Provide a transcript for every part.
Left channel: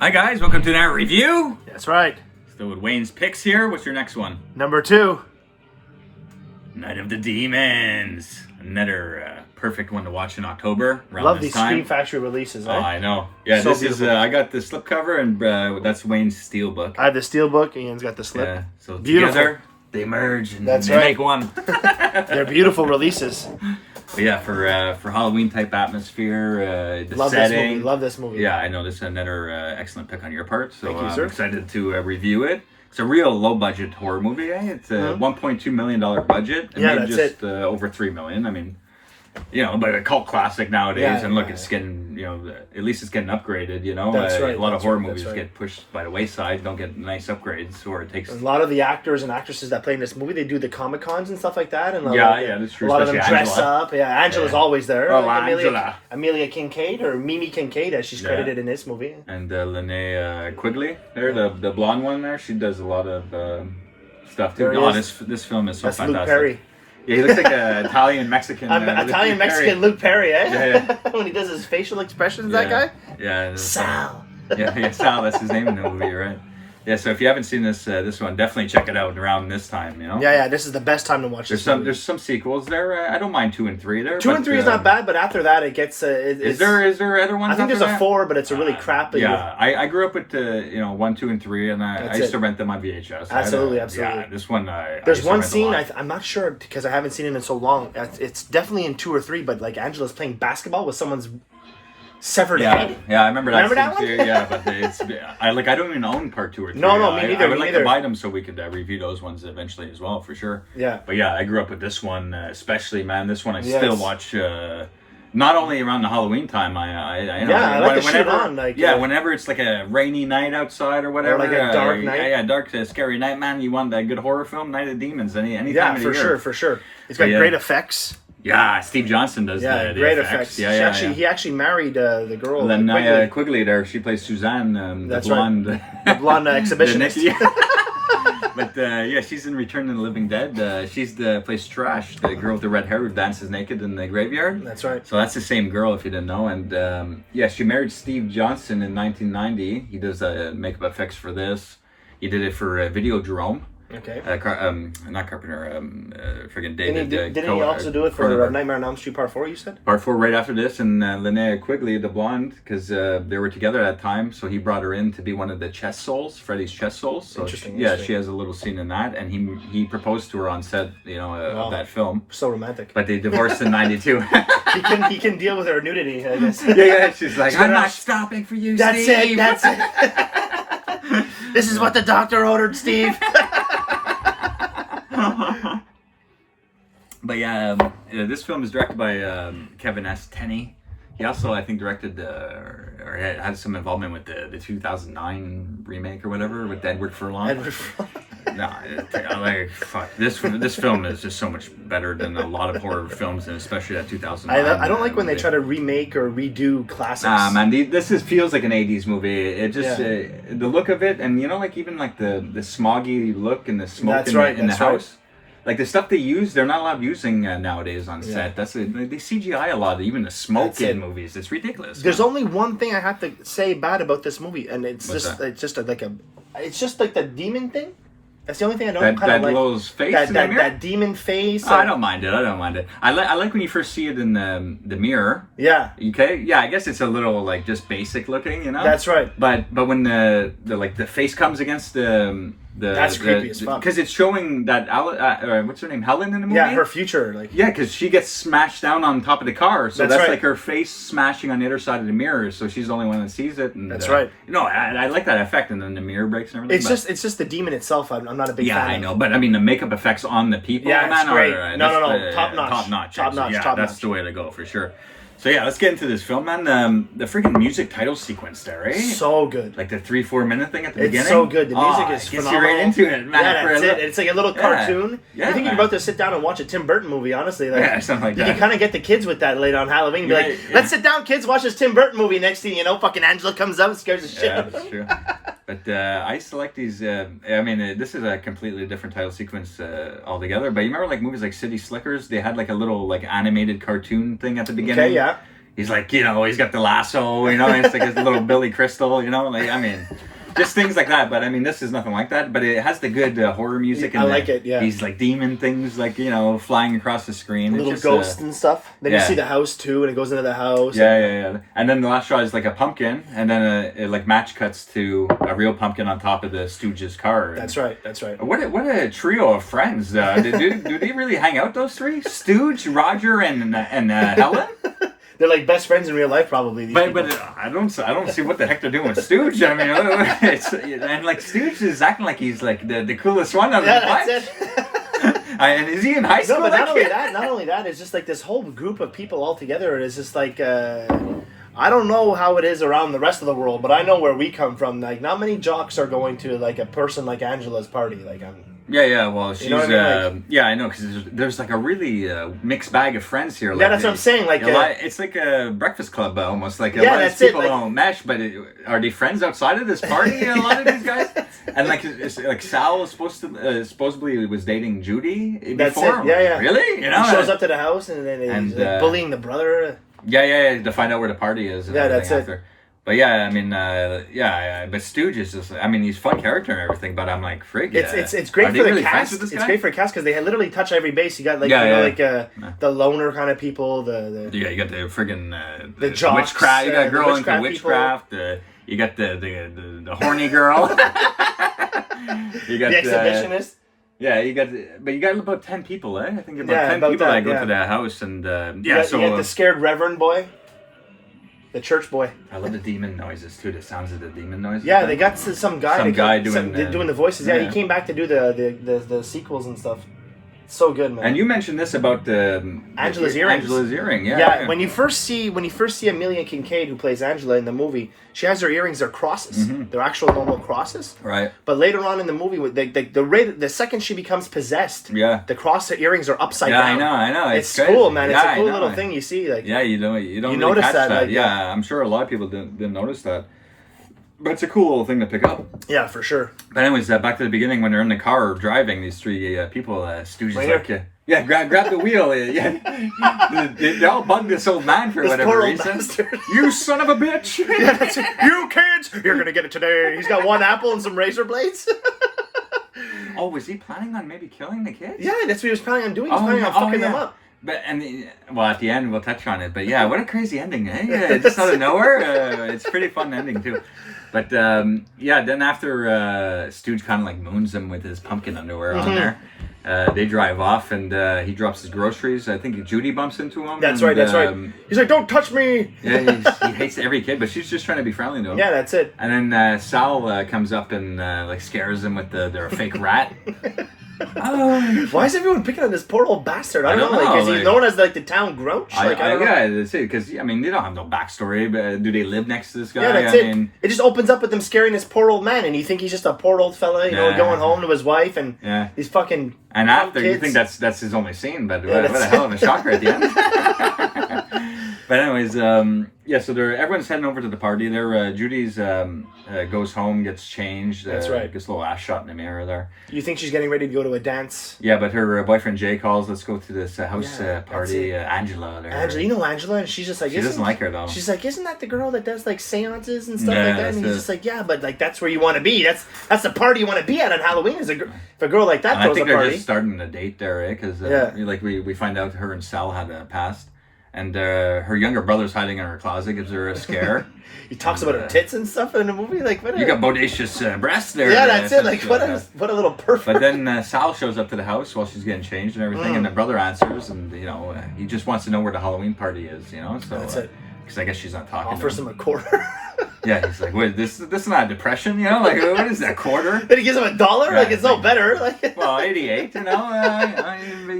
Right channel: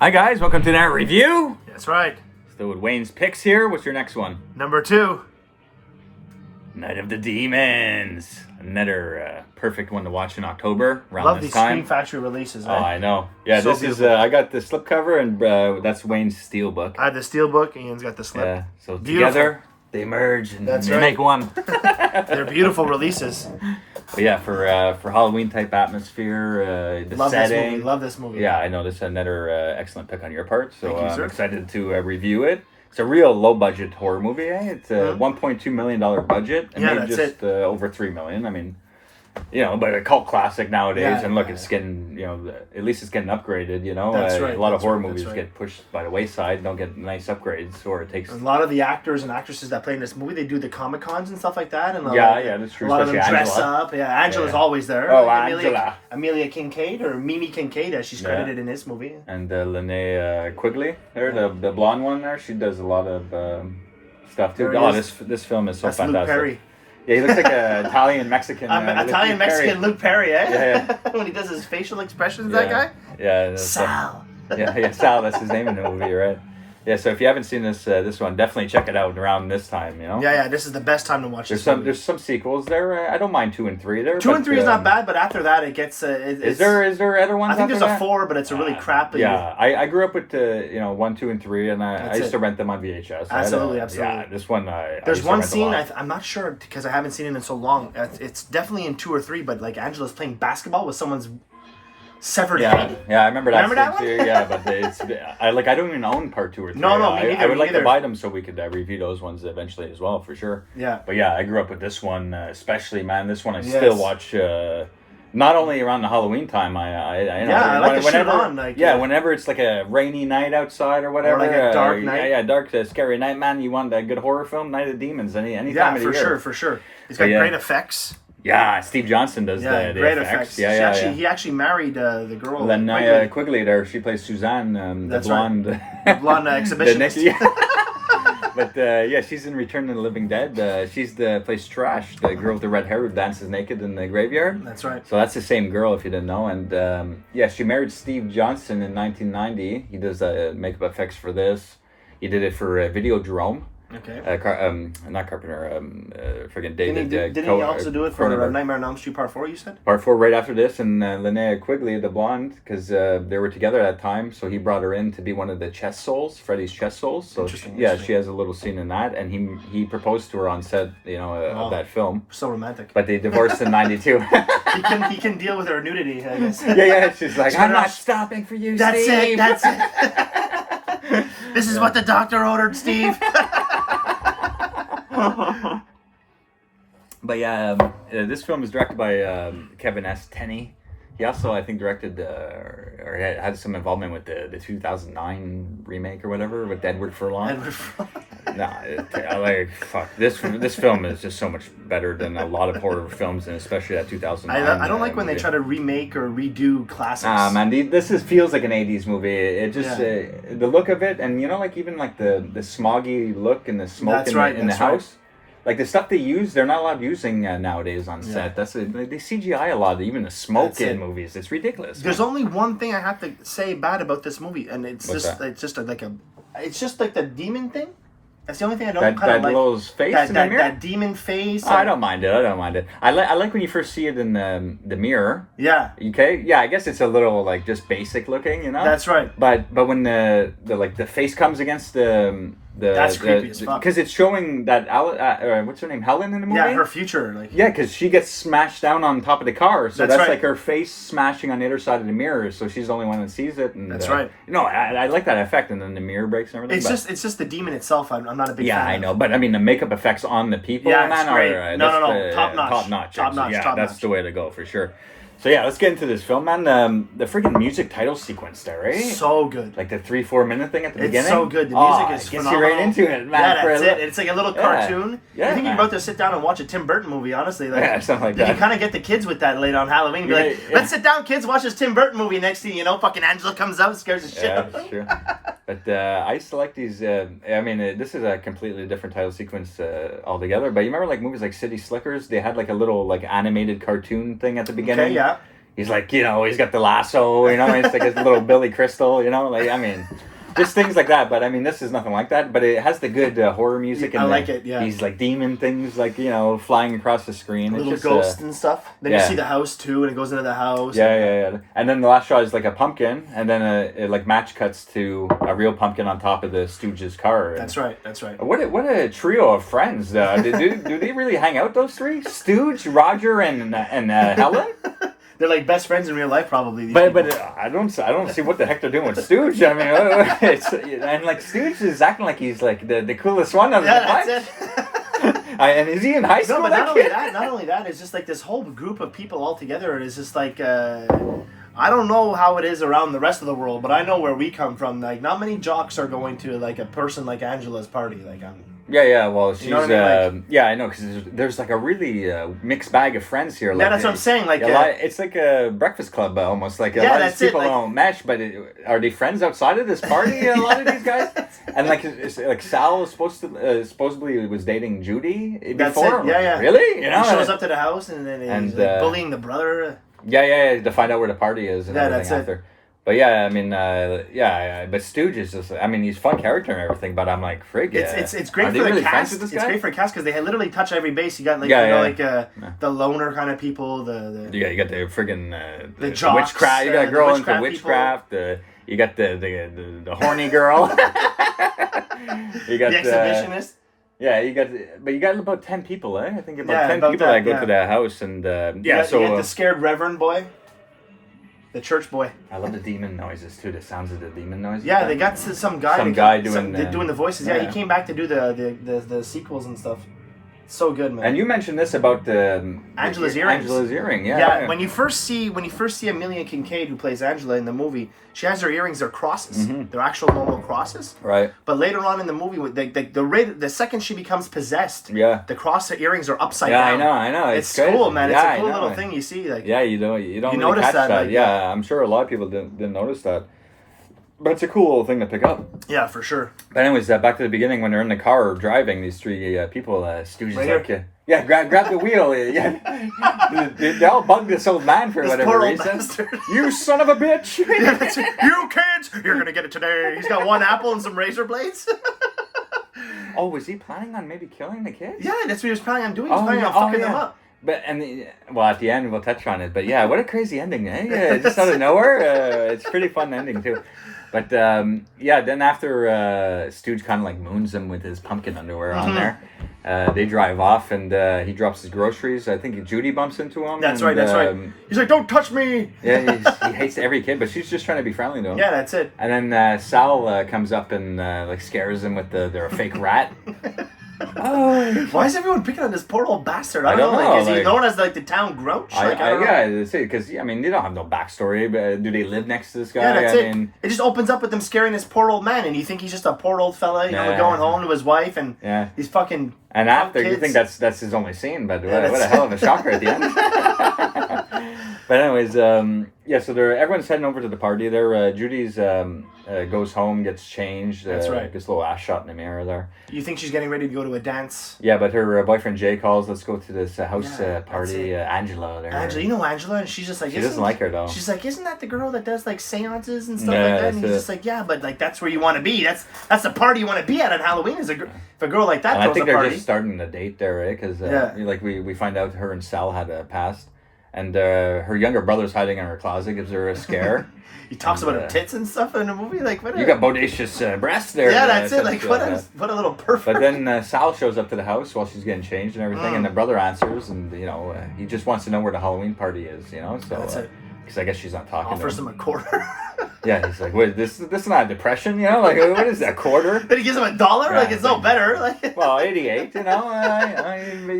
Hi guys, welcome to that review. That's right. Still with Wayne's picks here. What's your next one? Number 2. Night of the Demons. Another perfect one to watch in October. Love these Scream Factory releases. Oh, I know. Yeah, so this beautiful. is. I got the slipcover, and that's Wayne's steelbook. I have the steelbook. Ian's got the slip. Yeah, so Beautiful. together they merge and That's they right. make one. They're beautiful releases. But yeah, for Halloween type atmosphere, the Love setting. this movie. Love this movie. Yeah, I know this is another excellent pick on your part. So Thank you, sir. I'm excited to review it. It's a real low budget horror movie. Eh? It's a $1.2 million budget. And Yeah, made that's just, over $3 million. I mean, but a cult classic nowadays. Yeah, and look, yeah. it's getting, at least it's getting upgraded. That's right, A lot of that's horror right, movies that's right. get pushed by the wayside. Don't get nice upgrades, or it takes. A lot of the actors and actresses that play in this movie, they do the Comic Cons and stuff like that. And that's true. A lot of them especially dress Angela. up. Yeah, Angela's Yeah. always there. Oh, like Angela. Amelia Kincaid, or Mimi Kincaid, as she's credited in this movie. And Linnea Quigley, there, the blonde one there. She does a lot of stuff too. There he Oh, is. this film is so That's fantastic. Luke Perry. Yeah, he looks like an Italian Mexican. Italian Mexican Luke Perry, eh? Yeah, When he does his facial expressions, that guy. Yeah. Sal. Yeah, Sal. That's his name in the movie, right? Yeah. So if you haven't seen this one, definitely check it out around this time. Yeah. This is the best time to watch this movie. There's some sequels there. I don't mind 2 and 3 there. 2 and 3 is not bad, but after that it gets. Is there other ones? I think there's after a 4, but it's a really crappy. Yeah, I grew up with 1, 2, and 3, and I used to rent them on VHS. Absolutely. Yeah, this one. There's one scene I'm not sure because I haven't seen it in so long. It's definitely in 2 or 3, but like Angela's playing basketball with someone's severed head. Yeah, I remember that. Remember that scene one? too, yeah, but I don't even own part 2 or 3. No, me neither, I would me like neither. to buy them so we could review those ones eventually as well, for sure. Yeah. But yeah, I grew up with this one, especially, man. This one I Yes. still watch. Not only around the Halloween time, I like to shoot on. Whenever it's like a rainy night outside or whatever, Or like a dark night. Yeah, dark, scary night, man. You want a good horror film, Night of the Demons, any time Yeah, of for the year. sure. It's got great effects. Yeah, Steve Johnson does the great effects. effects. He actually married the girl. Linnea Quigley there, she plays Suzanne, That's the blonde. Right. The blonde exhibitionist. But she's in Return of the Living Dead. She's plays Trash, the girl with the red hair who dances naked in the graveyard. That's right. So that's the same girl, if you didn't know. And she married Steve Johnson in 1990. He does makeup effects for this. He did it for Videodrome. Okay. Not Carpenter. Friggin' David. Didn't he also do it for Nightmare on Elm Street Part 4? You said. Part 4 right after this, and Linnea Quigley, the blonde, because they were together at that time, so he brought her in to be one of the chest souls, Freddy's chest souls. So Interesting. she has a little scene in that, and he proposed to her on set, of that film. So romantic. But they divorced in '92. He can deal with her nudity, I guess. Yeah. She's like, I'm not stopping for you. That's Steve. it. That's it. This is what the doctor ordered, Steve. But this film is directed by Kevin S. Tenney. He also, I think, directed or had some involvement with the 2009 remake or whatever with Edward Furlong. Fuck. This film is just so much better than a lot of horror films, and especially that 2009. I don't like when they try to remake or redo classics. Man, this feels like an 80s movie. It just the look of it, and even the smoggy look and the smoke in the house. Like the stuff they use, they're not allowed using nowadays on set. They CGI a lot, even the smoke in movies. It's ridiculous. There's only one thing I have to say bad about this movie, and it's just like the demon thing. That's the only thing I don't kind of like. Face that demon face. I don't mind it. I like when you first see it in the mirror. Yeah. Okay. Yeah. I guess it's a little like just basic looking, That's right. But when the face comes against that's creepy as fuck. Because it's showing that what's her name, Helen, in the movie. Yeah, her future, because she gets smashed down on top of the car, so that's right. like her face smashing on the other side of the mirror. So she's the only one that sees it. And, that's right. No, I like that effect, and then the mirror breaks and everything. It's just the demon itself. I'm not a big fan. Yeah, I know, but I mean the makeup effects on the people. Yeah, it's great. No, top notch. Top notch. That's the way to go for sure. So yeah, let's get into this film, man. The freaking music title sequence there, eh? So good. Like the 3-4 minute thing at the beginning. It's so good. The music is phenomenal. You're right into it, man. Yeah, that's it. It's like a little cartoon. Yeah, you think you're about to sit down and watch a Tim Burton movie, honestly. Something like that. You can kind of get the kids with that late on Halloween. Be like, let's sit down, kids, watch this Tim Burton movie. Next thing you know, fucking Angela comes out and scares the shit out of them. Sure. But I select these. This is a completely different title sequence altogether. But you remember like movies like City Slickers? They had like a little like animated cartoon thing at the beginning. Okay, yeah. he's like, you know, he's got the lasso, you know, it's like his little Billy Crystal, you know, like, I mean, just things like that. But I mean, this is nothing like that, but it has the good horror music. And I like it, yeah. These like demon things, like, you know, flying across the screen. Little ghosts and stuff. Then you see the house too, and it goes into the house. Yeah. And then the last shot is like a pumpkin, and then it like match cuts to a real pumpkin on top of the Stooges' car. That's right. What a trio of friends. Do they really hang out, those three? Stooge, Roger, and Helen? They're like best friends in real life, probably. But I don't see what the heck they're doing with Stooge. I mean, and like Stooge is acting like he's like the coolest one out of the bunch. That's it. And is he in high school? No, but not only that, it's just like this whole group of people all together. It is just like I don't know how it is around the rest of the world, but I know where we come from. Like, not many jocks are going to like a person like Angela's party. Like, Yeah. Well, she's, you know what I mean? I know, because there's like a really mixed bag of friends here. Like, yeah, that's what I'm saying. Like, it's like a breakfast club almost. Like, that's people it. Like, don't mesh, but are they friends outside of this party? A lot of these guys, and like Sal was supposedly was dating Judy before. That's it. Yeah. Really? You know, he shows up to the house and then he's like bullying the brother. Yeah, to find out where the party is. And that's after. it. But yeah, I mean, but Stooge is just, I mean, he's a fun character and everything, but I'm like, frig. It's great for the cast. It's great for a cast because they literally touch every base. You got like, the loner kind of people, you got the friggin' the jocks, witchcraft. You got a girl into witchcraft. You got the horny girl. You got the exhibitionist. Yeah, you got about 10 people, eh? I think about 10 people that go to that house, and you got the scared reverend boy. The church boy. I love the demon noises too. The sounds of the demon noises. Yeah, they got some guy doing the voices. Yeah, he came back to do the sequels and stuff. So good, man. And you mentioned this about Angela's earrings. Angela's earring, yeah. When you first see Amelia Kincaid, who plays Angela in the movie, she has her earrings. They're crosses. Mm-hmm. They're actual normal crosses. Right. But later on in the movie, the second she becomes possessed, the cross earrings are upside down. I know. It's cool, man. It's a cool little thing you see. Like, you don't you notice catch that. Like, I'm sure a lot of people didn't notice that. But it's a cool little thing to pick up. Yeah, for sure. But anyways, back to the beginning when they're in the car driving, these three people, Stooges right like, grab the wheel. They all bug this old man for whatever poor old reason. Bastard. You son of a bitch! That's it. You kids, you're gonna get it today. He's got one apple and some razor blades. Oh, was he planning on maybe killing the kids? Yeah, that's what he was planning on doing. He was planning on fucking them up. But at the end we'll touch on it. But yeah, what a crazy ending, eh? Just out of nowhere. It's a pretty fun ending too. But then after Stooge kind of like moons him with his pumpkin underwear on there, they drive off and he drops his groceries. I think Judy bumps into him. That's right. He's like, "Don't touch me!" Yeah, he hates every kid, but she's just trying to be friendly to him. Yeah, that's it. And then Sal comes up and like scares him with their fake rat. Oh, why is everyone picking on this poor old bastard? I don't know. Like, is he known as like the town grouch? I don't know. Yeah, that's it. Because I mean, you don't have no backstory. But do they live next to this guy? Yeah, that's it. It just opens up with them scaring this poor old man, and you think he's just a poor old fella, going home to his wife and these fucking. And after kids. You think that's his only scene, but what a hell of a shocker at the end. But anyways, so everyone's heading over to the party. There, Judy's goes home, gets changed. That's right. Gets a little ass shot in the mirror there. You think she's getting ready to go to a dance? Yeah, but her boyfriend Jay calls. Let's go to this house party. Angela. Angela, you know Angela, and she's just like, she doesn't like her though. She's like, isn't that the girl that does like seances and stuff like that? And he's just like, yeah, but like that's where you want to be. That's the party you want to be at on Halloween. If a girl like that throws a party. I think they're just starting a date there, eh? Because like we find out her and Sal had a past. And her younger brother's hiding in her closet, gives her a scare. He talks about her tits and stuff in the movie. Like, what? You got bodacious breasts there. Yeah, that's it. Like, what a little pervert. But then Sal shows up to the house while she's getting changed and everything, and the brother answers, and he just wants to know where the Halloween party is. So that's it. Because I guess she's not talking. Offers him a quarter. Yeah, he's like, wait, this is not a depression, like what is that, quarter? Then he gives him $1, like it's no better, like. Well, 88, you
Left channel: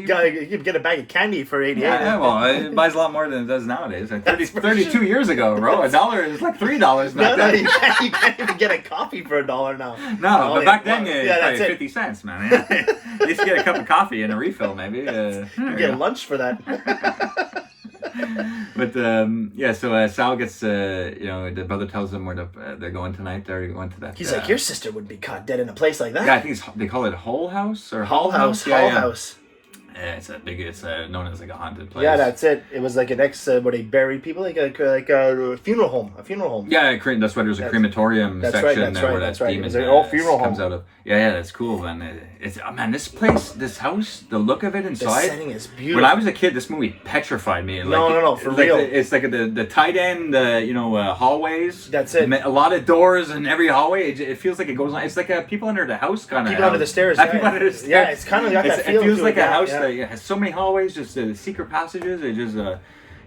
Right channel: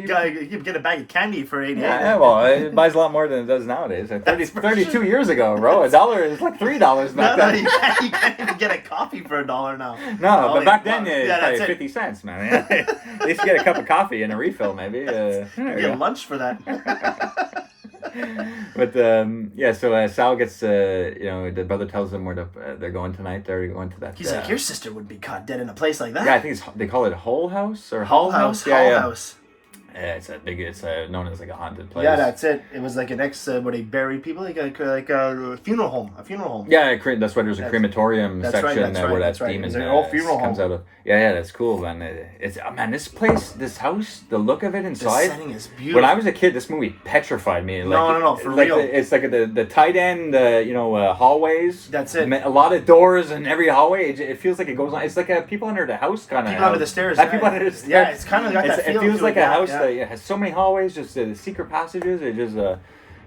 gotta get a bag of candy for 88. Yeah, well, it buys a lot more than it does nowadays. Like 32 years ago, bro, $1 is like $3 now. No, you can't even get a coffee for $1 now. No, but back then it's like 50 cents, man. At least you get a cup of coffee and a refill, maybe. You get lunch for that. But so Sal gets the brother tells them where they're going tonight. They're going to that. He's like, your sister would be caught dead in a place like that. Yeah, I think they call it Hull House or Hull House. It's known as like a haunted place. Yeah, that's it. It was like an where they bury people, like a funeral home. Yeah, that's why there's a crematorium section where that demon funeral comes home. out of. Yeah, that's cool, man. This place, this house, the look of it inside. The setting is beautiful. When I was a kid, this movie petrified me. No, for real. It's like the tight end, hallways. That's it. A lot of doors in every hallway. It feels like it goes on. It's like a people under the house kind of. People under the stairs. People under the stairs. Yeah, it's kind of got that feel. It feels like a house that has so many hallways, just the secret passages. It just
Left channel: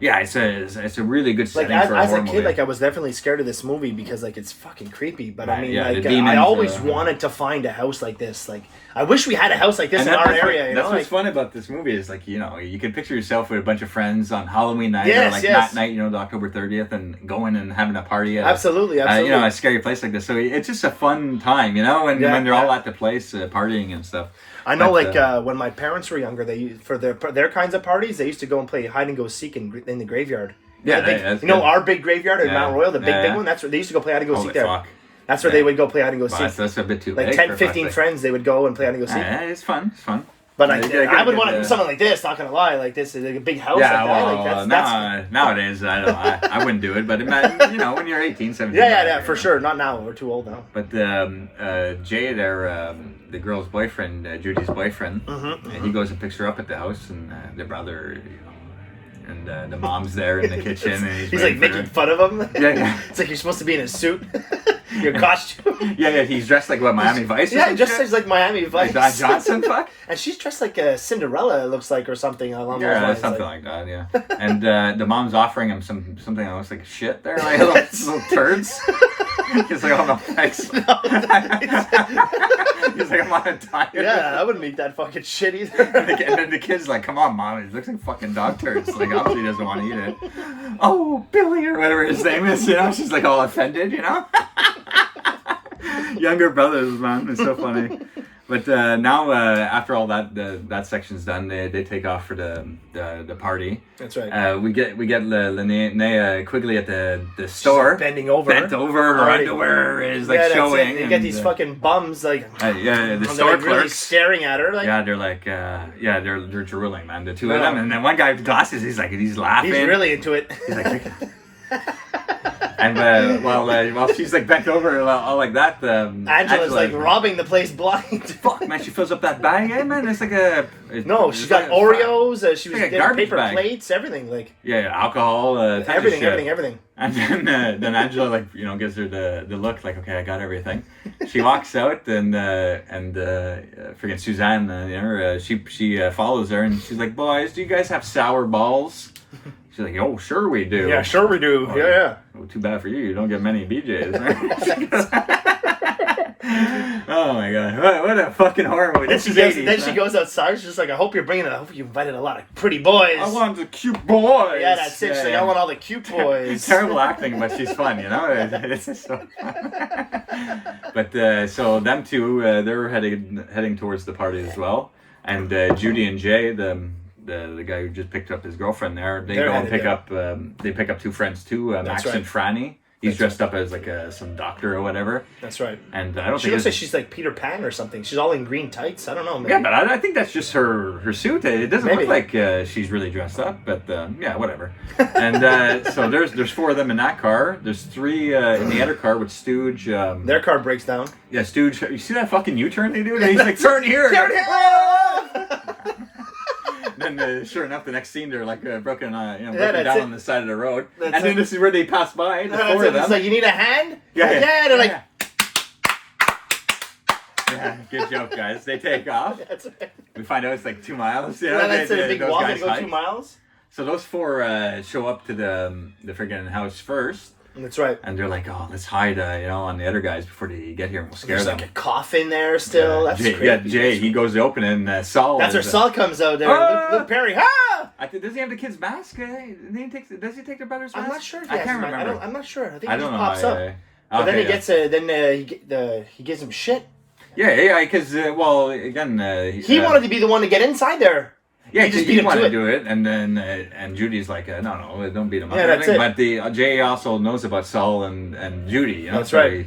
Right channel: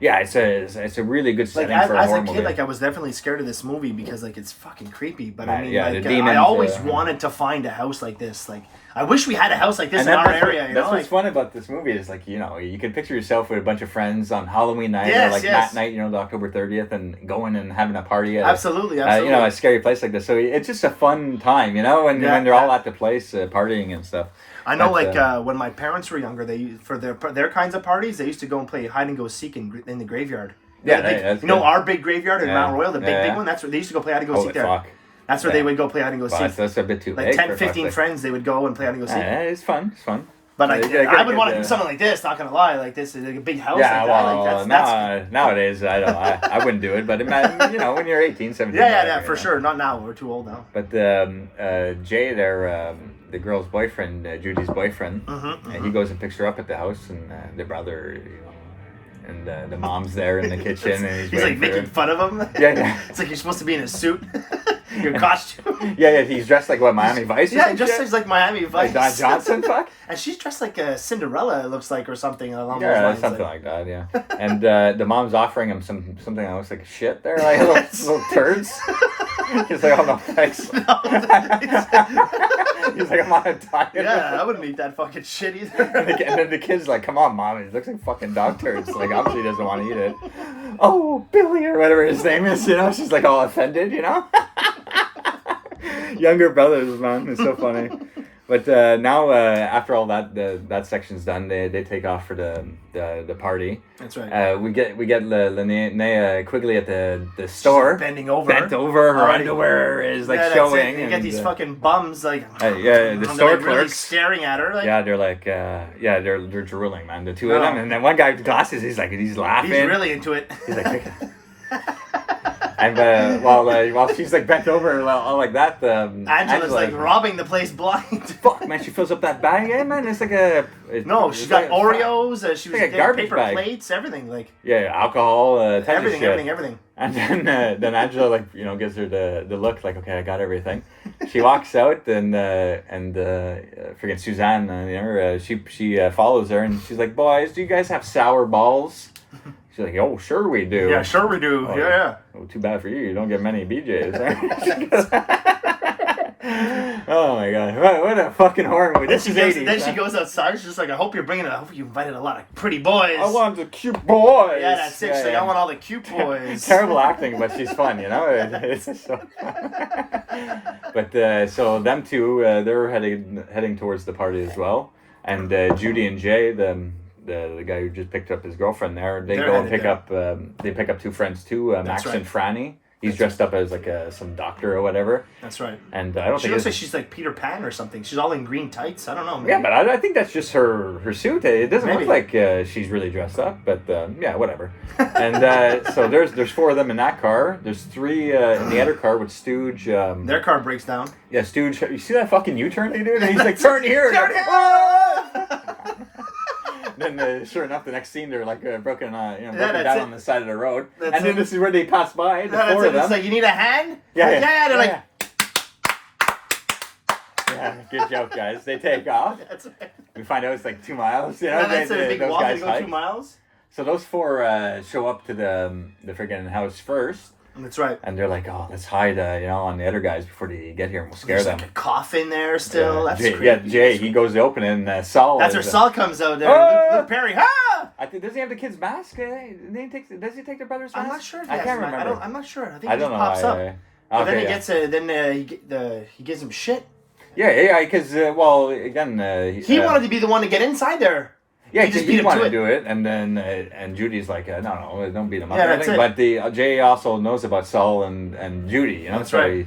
it's a really good setting for a horror movie. Like I was definitely scared of this movie because like it's fucking creepy. But I mean, I always wanted to find a house like this. Like I wish we had a house like this in our area. That's what's fun about this movie is like you can picture yourself with a bunch of friends on Halloween night or that night, the October 30th, and going and having a party at absolutely. A scary place like this. So it's just a fun time, when they're all at the place partying and stuff. I know, when my parents were younger, for their kinds of parties, they used to go and play hide and go seek in the graveyard. Our big graveyard in Mount Royal, the big one. That's where they used to go play hide and go seek there. Fuck. That's where they would go play hide and go seek. That's a bit too like big. 10, 15 friends, they would go and play hide and go seek. Yeah, it's fun. But I would want to do something like this. Not gonna lie, like this is like a big house like that. That's nowadays I wouldn't do it. But when you're 18, 17. Yeah, for sure. Not now. We're too old now. But Jay, the girl's boyfriend, Judy's boyfriend, and he goes and picks her up at the house, and the brother. And the mom's there in the kitchen. And he's like making fun of him. Yeah. It's like you're supposed to be in a suit, your costume. Yeah. He's dressed like Miami Vice. Yeah, just like Miami Vice. Like Don Johnson, fuck. And she's dressed like a Cinderella, it looks like, or something along those lines. Something like that. Yeah. And the mom's offering him something that looks like shit. There, like little turds. He's like, oh no, thanks. He's like, I'm on a diet. Yeah, I wouldn't eat that fucking shit either. And then the kid's like, come on, mom. It looks like fucking dog turds. Like, obviously he doesn't want to eat it. Oh, Billy, or whatever his name is, She's like all offended, Younger brothers, man. It's so funny. But now, after all that section's done, they take off for the party. That's right. We get Linnea Quigley at the store. Bent over. Her underwear is like showing. You get these fucking bums like. The store like really staring at her. Like. Yeah, they're like, they're drooling, man. The two of them, and then one guy with glasses, he's laughing. He's really into it. And while she's like bent over all like that, Angela's like robbing the place blind. Fuck, man, she fills up that bag, man. It's like she's got Oreos. She was like getting paper plates, everything like. Yeah, alcohol, everything. And then Angela gives her the look like, okay, I got everything. She walks out and freaking Suzanne, she follows her and she's like, boys, do you guys have sour balls? She's like, oh, sure we do. Yeah, sure we do. Oh, yeah. Oh, too bad for you. You don't get many BJs, right? Oh, my God. What a fucking horror movie. Then she goes outside. She's just like, I hope you invited a lot of pretty boys. I want the cute boys. Yeah, that's it. She's like, I want all the cute boys. Terrible acting, but she's fun, It's so fun. But, so them two, they were heading towards the party as well. And Judy and Jay, the guy who just picked up his girlfriend there, they go and pick up they pick up two friends too, Max and Franny. He's dressed up as like some doctor or whatever. That's right. And I don't she looks like she's like Peter Pan or something. She's all in green tights. I don't know. Maybe. Yeah, but I think that's just her suit. It doesn't look like she's really dressed up, but yeah, whatever. And so there's four of them in that car. There's three in the other car with Stooge. Their car breaks down. Yeah, Stooge. You see that fucking U-turn they do? And he's like, turn here. Turn here. Then, sure enough, the next scene they're like broken down on the side of the road, then this is where they pass by. The four of them. It's like, you need a hand? Yeah. They're like. Yeah, good joke, guys. They take off. That's right. We find out it's like 2 miles. That's a big walk to go 2 miles. So those four show up to the friggin' house first. That's right. And they're like, oh, let's hide, on the other guys before they get here and we'll scare them. There's like a coffin there still. That's creepy. Yeah, Jay, he goes to open it and Saul. That's where Saul comes out there. Oh! Luke Perry, does he have the kid's mask? Does he take the brother's mask? I'm not sure if he has his mask. I'm not sure. I think he just pops up. But then he gets he gives him shit. Yeah, because again, he wanted to be the one to get inside there. Yeah, he just beat him to do it, and then and Judy's like, no, don't beat him up. Yeah, that's it. But Jay also knows about Saul and Judy. That's right.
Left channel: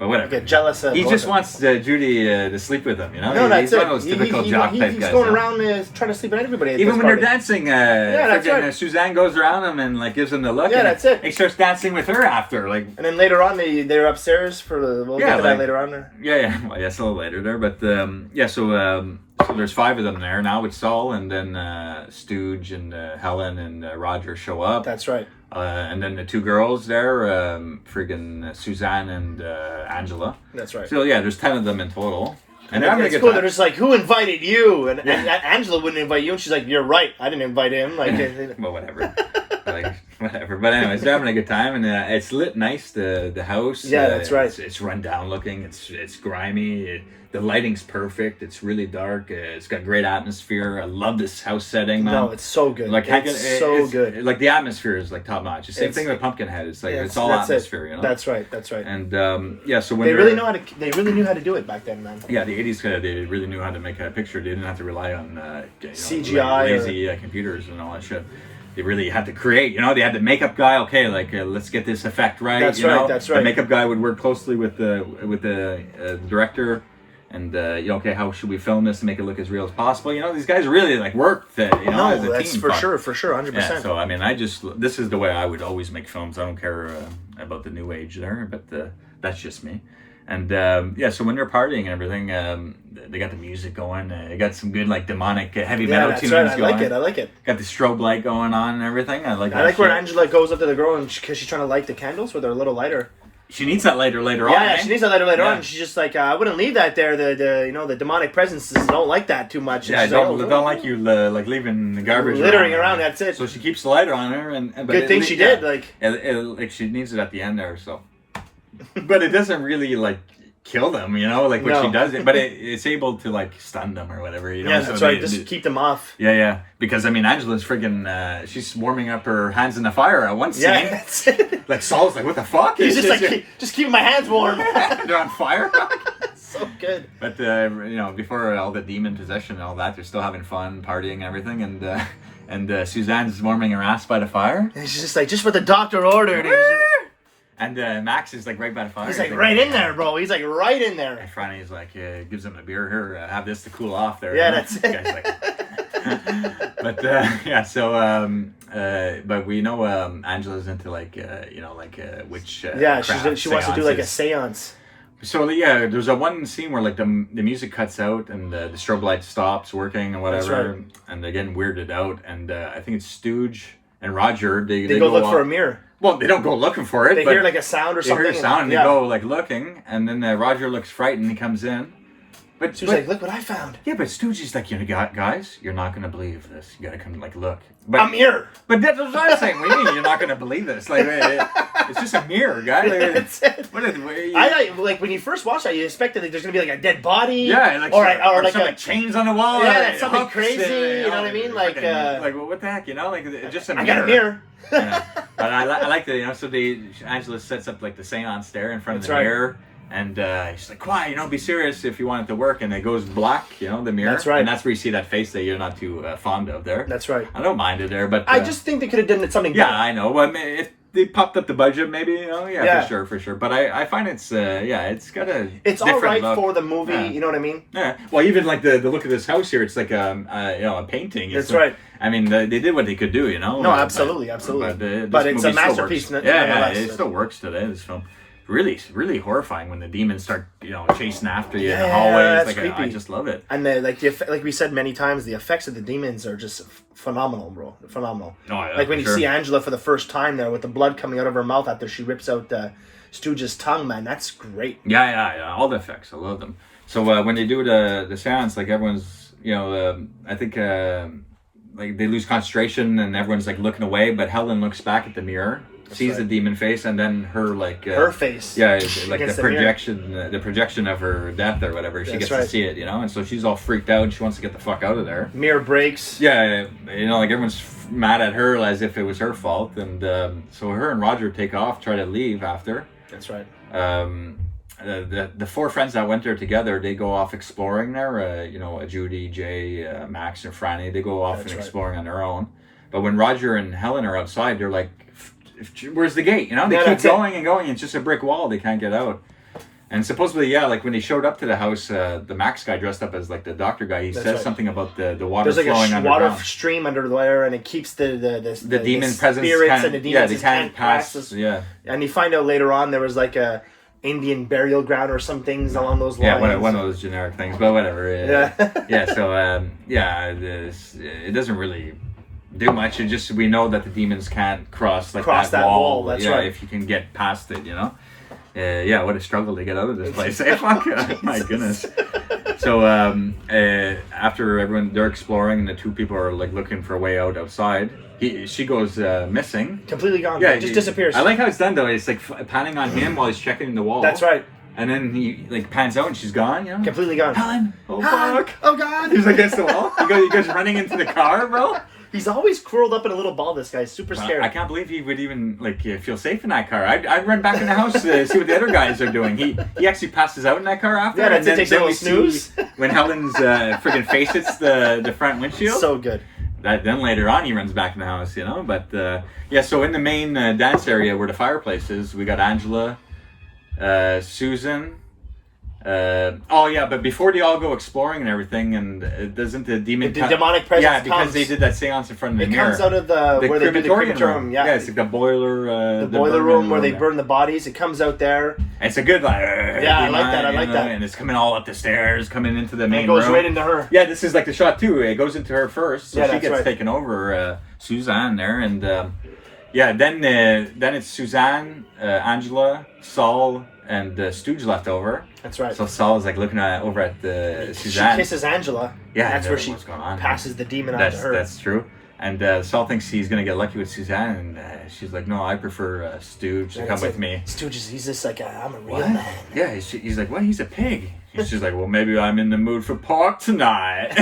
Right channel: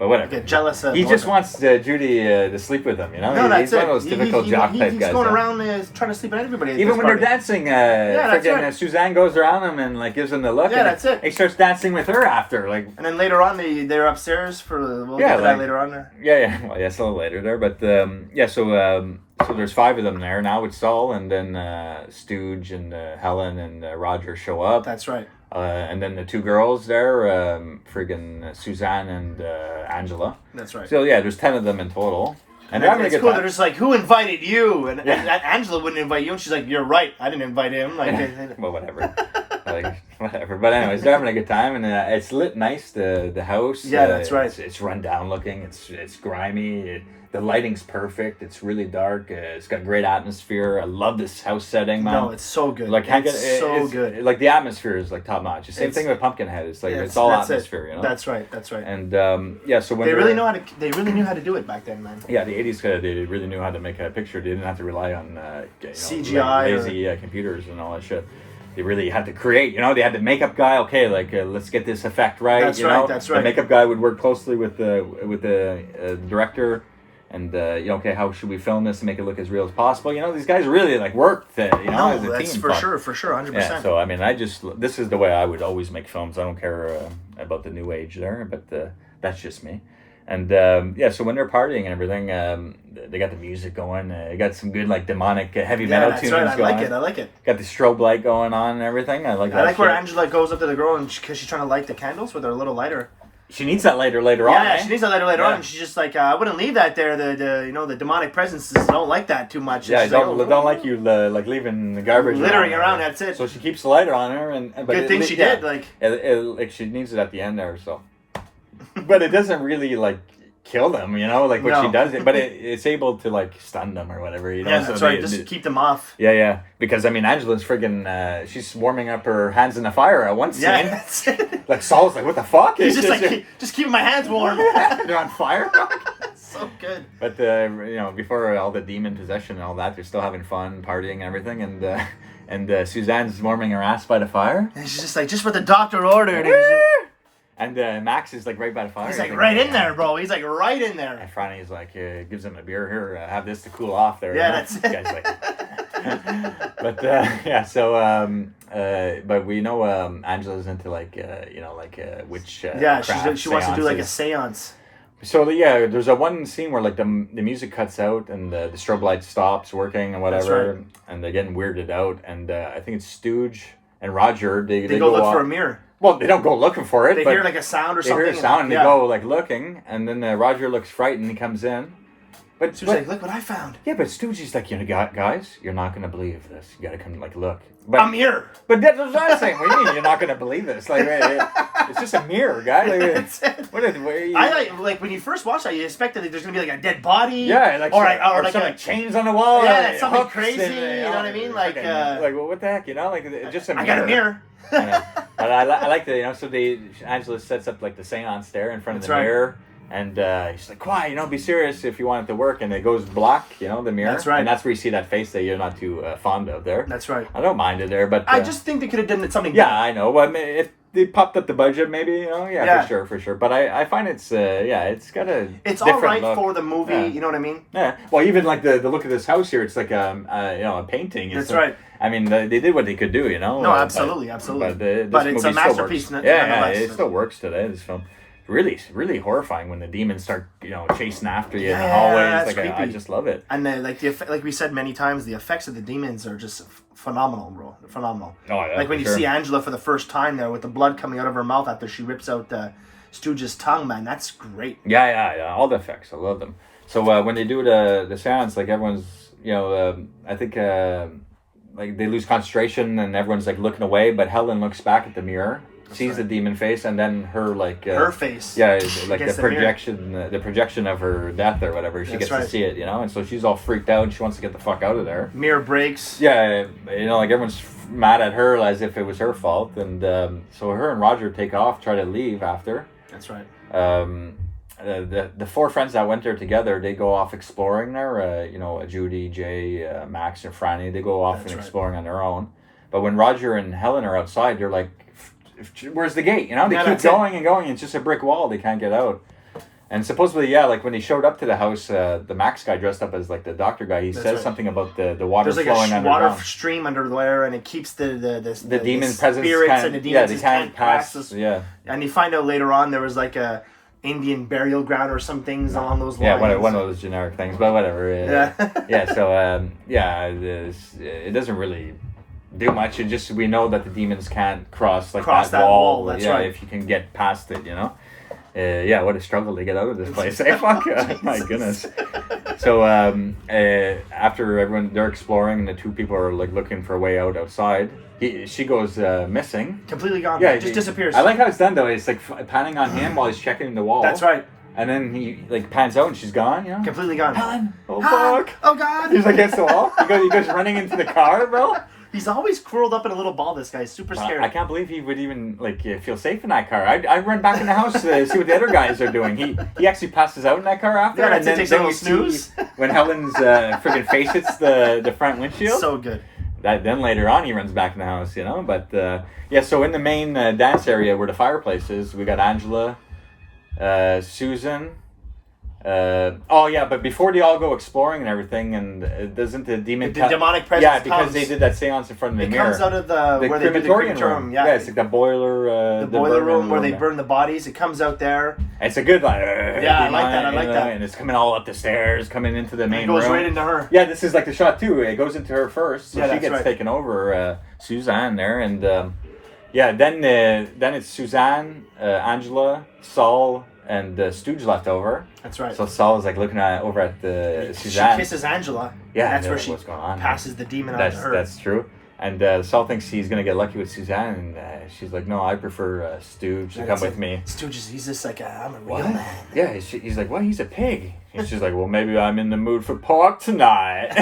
But whatever. Get jealous. He just wants Judy to sleep with him, you know? No, that's he's it. one of those typical jock type guys. He's going around trying to sleep with everybody. Even when they're dancing, that's right. Suzanne goes around him and like gives him the look. Yeah, that's it. He starts dancing with her after, like. And then later on, they're upstairs for. We'll get to that later on. Yeah. Well, yeah, it's a little later there, but so there's 5 of them there now with Saul, and then Stooge and Helen and Roger show up. That's right. And then the 2 girls there, friggin' Suzanne and Angela. That's right. So yeah, there's 10 of them in total. And it's cool. They're just like, who invited you? And Angela wouldn't invite you, and she's like, you're right. I didn't invite him. Like, well, whatever. Whatever. But anyways, they're having a good time, and it's lit nice. The house. Yeah, that's right. It's run down looking. It's grimy. The lighting's perfect. It's really dark. It's got great atmosphere. I love this house setting, man. No, it's so good. Like, it's so good. Like the atmosphere is like top notch. The same thing with Pumpkinhead. It's like it's all atmosphere, you know. That's right. And so when they really knew how to do it back then, man. Yeah, the '80s they really knew how to make a picture. They didn't have to rely on CGI lazy computers and all that shit. They really had to create, you know. They had the makeup guy. Okay, like let's get this effect right. That's right. That's right. The makeup guy would work closely with the director. And okay, how should we film this to make it look as real as possible? You know, these guys really like worked. As a that's team, for sure, 100%. Yeah, so I mean, this is the way I would always make films. I don't care about the new age there, but that's just me. And so when they're partying and everything, they got the music going. They got some good like demonic heavy metal tunes. Yeah, that's right. I like it. Got the strobe light going on and everything. I like where Angela goes up to the girl and because she's trying to light the candles with her little lighter. She needs that later on. Yeah, she needs that later on. And she's just like, I wouldn't leave that there. The demonic presences don't like that too much. And yeah, don't like you like leaving the garbage littering around. That's it. So she keeps the lighter on her, and good thing she did. Like she needs it at the end there. So, but it doesn't really like kill them, you know, like what she does it, but it's able to like stun them or whatever, you know. Yeah, that's right. Just keep them off. Yeah. Because I mean, Angela's friggin' she's warming up her hands in the fire at one scene. Yeah, that's it. Like Saul's like, what the fuck? He's just like, just keeping my hands warm. They're on fire. So good. But before all the demon possession and all that, they're still having fun, partying and everything, and Suzanne's warming her ass by the fire. And she's just like, just what the doctor ordered. And Max is like right by the fire. He's like right in there, bro. He's like right in there. And finally, he's like, gives him a beer here. Have this to cool off there. Yeah, that's it. But we know Angela's into like witch. She wants to do like a seance. So there's a one scene where like the music cuts out and the strobe light stops working and whatever, that's right. And they're getting weirded out. And I think it's Stooge and Roger. They go look for a mirror. Well, they don't go looking for it. They hear like a sound or something. They hear a sound and they go like looking, and then Roger looks frightened and comes in. But she was like, "Look what I found." Yeah, but Stoogie's like, guys, you're not gonna believe this. You gotta come like look. A mirror. But that's what I'm saying. What do you mean you're not gonna believe this? Like, it's just a mirror, guy. I like when you first watch that, you expect that there's gonna be like a dead body. Yeah, like or like some chains on the wall. Yeah, that's something crazy. You know what I mean? Like what the heck? You know, like just a mirror. I got a mirror. Yeah. But I like the so Angela sets up like the seance there in front of the mirror. And she's like, "Why? Be serious if you want it to work." And it goes black, the mirror. That's right. And that's where you see that face that you're not too fond of there. That's right. I don't mind it there, but I just think they could have done something better. Yeah, I know. Well, if they popped up the budget, maybe, for sure. But I find it's got a it's all right look. For the movie. Yeah. You know what I mean? Yeah. Well, even like the look of this house here, it's like a painting. That's right. I mean, they did what they could do, No, absolutely. But it's a masterpiece. It still works today. This film. Really, really horrifying when the demons start, chasing after you in the hallways. That's creepy. I just love it. And like we said many times, the effects of the demons are just phenomenal, bro. Phenomenal. Oh, yeah, like when you see Angela for the first time there with the blood coming out of her mouth after she rips out Stooge's tongue, man, that's great. Yeah. All the effects, I love them. So when you do the seance, like everyone's, I think like they lose concentration and everyone's like looking away, but Helen looks back at the mirror. Sees the demon face and then her her face. Yeah, like the projection of her death or whatever. She gets to see it, and so she's all freaked out and she wants to get the fuck out of there. Mirror breaks. Yeah, like everyone's mad at her as if it was her fault, and so her and Roger take off, try to leave after. That's right. The 4 friends that went there together, they go off exploring there. Judy, Jay, Max, and Franny. They go off exploring on their own. But when Roger and Helen are outside, they're like, where's the gate? They keep going and going. It's just a brick wall. They can't get out. And supposedly, yeah, like when he showed up to the house, the Max guy dressed up as like the doctor guy, he says something about the water flowing underground. There's like a water stream under there, and it keeps the demon presence spirits and the demons can't pass. Yeah. And you find out later on there was like a Indian burial ground or some things along those lines. Yeah, one of those generic things, but whatever. Yeah. So it doesn't really do much. It just we know that the demons can't cross that wall. That's right. If you can get past it, you know. What a struggle to get out of this place. Fuck, my goodness. So after they're exploring, and the two people are like looking for a way outside. She goes missing. Completely gone. Yeah, just disappears. I like how it's done though. It's like panning on him while he's checking the wall. That's right. And then he like pans out and she's gone. You know, completely gone. Helen. Oh fuck. Oh god. He's like against the wall. You guys running into the car, bro. He's always curled up in a little ball. This guy's super scared. I can't believe he would even feel safe in that car. I'd run back in the house to see what the other guys are doing. He actually passes out in that car after. Yeah, and then takes a little snooze when Helen's friggin' face hits the front windshield. So good. Then later on he runs back in the house, you know. But so in the main dance area where the fireplace is, we got Angela, Susan. But before they all go exploring and everything, and doesn't the demon... The demonic presence Yeah, because they did that seance in front of the mirror. It comes out of the where they do the crematorium. Yeah, it's like the boiler... the boiler room where they burn the bodies. It comes out there. It's a good... I like that. And it's coming all up the stairs, coming into the main room. It goes room. right into her. Yeah, this is like the shot too. It goes into her first, so she gets right. taken over, Suzanne there, and then it's Suzanne, Angela, Saul, and Stooge left over. That's right. So Saul is like looking over at Suzanne. She kisses Angela. Yeah, and that's where she passes the demon on to her. That's true. And Saul thinks he's gonna get lucky with Suzanne, and she's like, "No, I prefer Stooge to come with me." Stooge he's just like, "I'm a real man." Yeah, he's like, "What? He's a pig." And she's like, "Well, maybe I'm in the mood for pork tonight."